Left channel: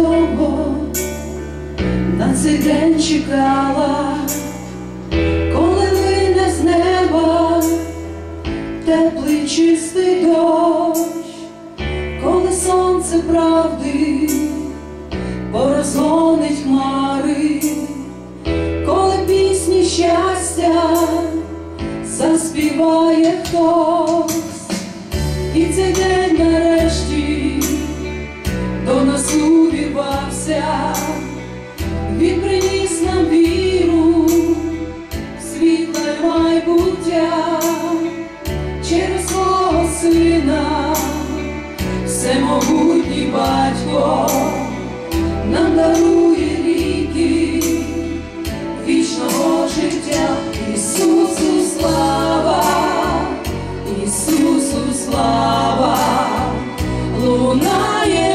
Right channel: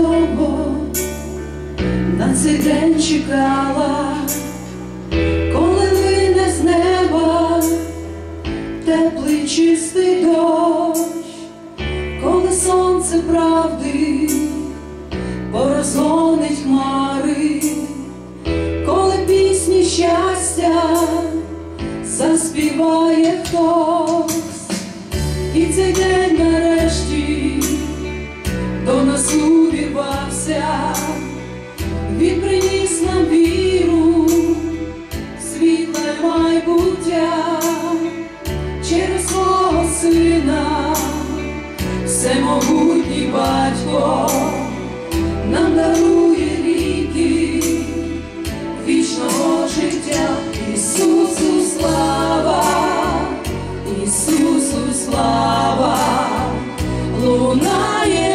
довго на цей день чекала, коли вийде з неба теплий чистий дощ, коли сонце правди порозгонить хмари, коли пісні щастя заспіває хтось, і цей день нарешті до нас він приніс нам віру, світле майбуття. Через свого сина, всемогутній батько нам дарує ліки вічного життя, Ісусу слава, Ісусу слава, лунає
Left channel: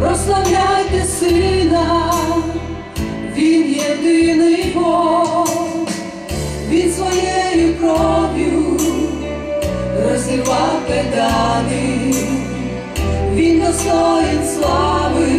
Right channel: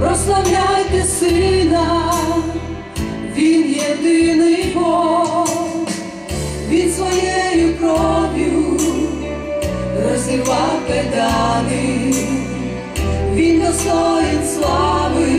прославляйте сина, він єдиний Бог, він своєю кров'ю розірвав педани, він достоїн слави,